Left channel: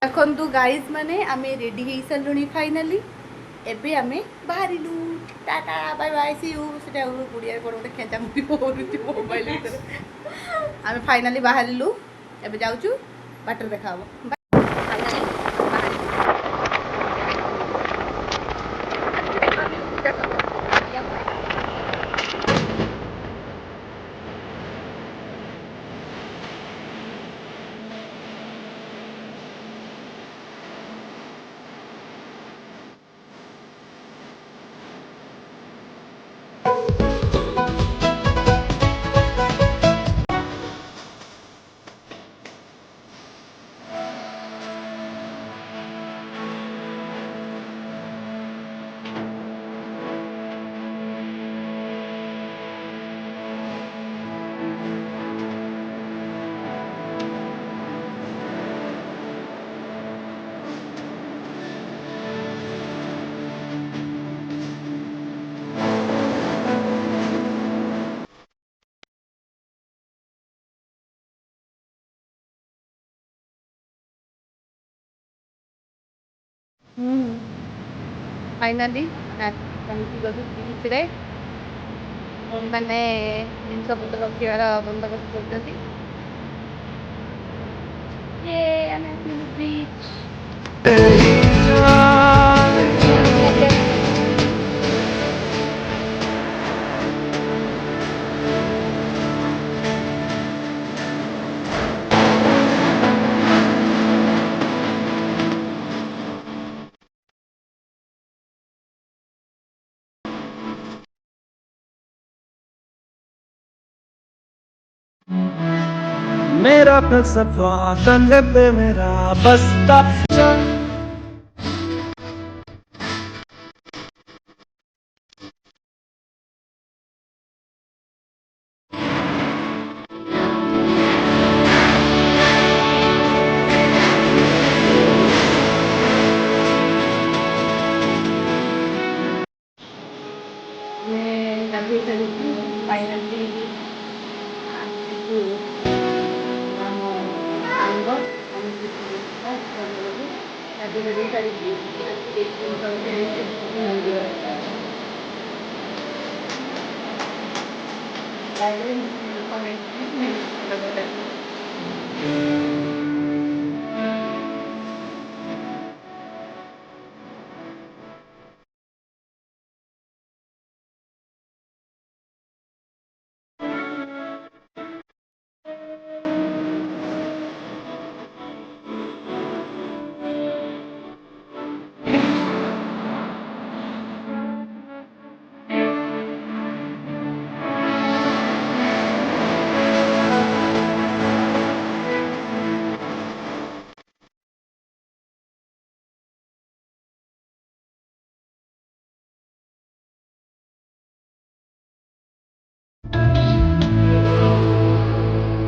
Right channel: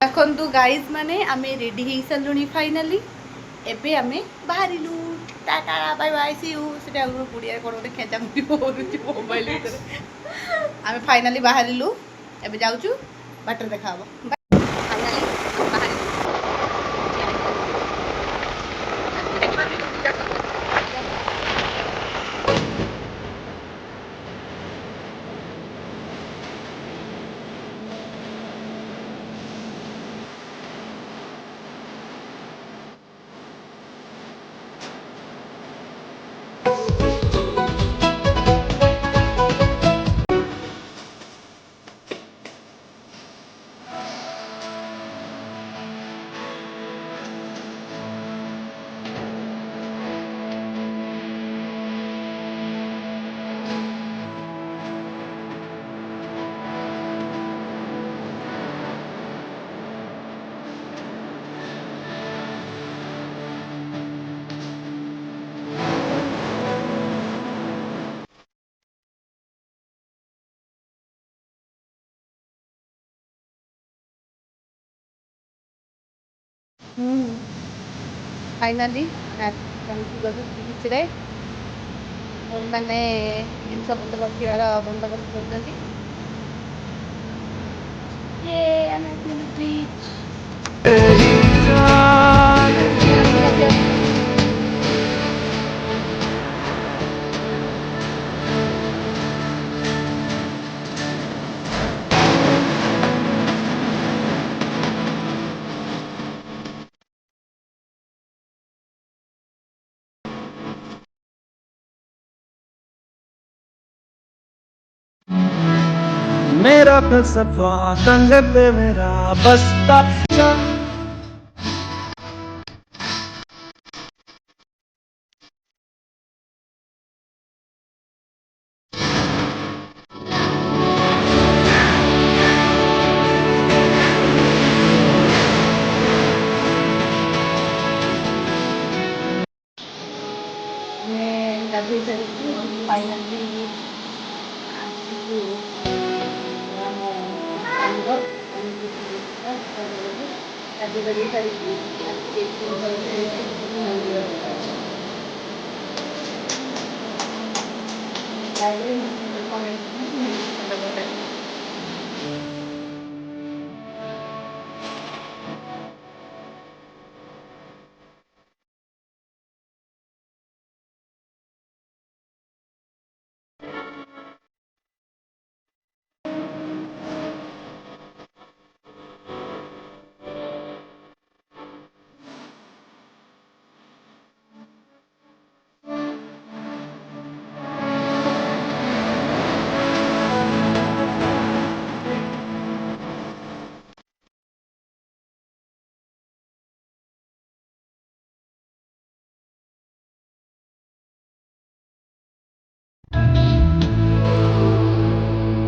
এখন তো গাইজ মানে আমি রেডি হয়ে সারিলুনি ফাইনালি ଏବେ ଆମେ ବାହାରିଲୁ ଟାଟା ବାଇ ବାଇ ସି ୟୁ ସେଟା ଓଡ଼ିଆରେ କ'ଣ ଗୋଟେ ଖେଚାମୁଚି କରୁଛି ମୋବାଇଲ ଭିତରେ ଆମେ ଫାଇନାଲି ବାହାରିଲୁ ଏବେ ଯାଉଛୁ ବାଟରେ ଦେଖାହବ ଫାଇନାଲି ବିଚ୍ରେ ମାନେ ଜିନିଷ ପତ୍ର ରଖିବାର ବନ୍ଦୋବସ୍ତ କରୁଛନ୍ତି ଆମେ मेरा फलसफा कंधे पे मेरा बस्ता ଗାଧୋଇ ସାରିଛୁ ଫାଇନାଲି ଆସିଛୁ ଆମ ସାଙ୍ଗ ଗାଧୋଇ ଗାଧୋଇ ସାରିକି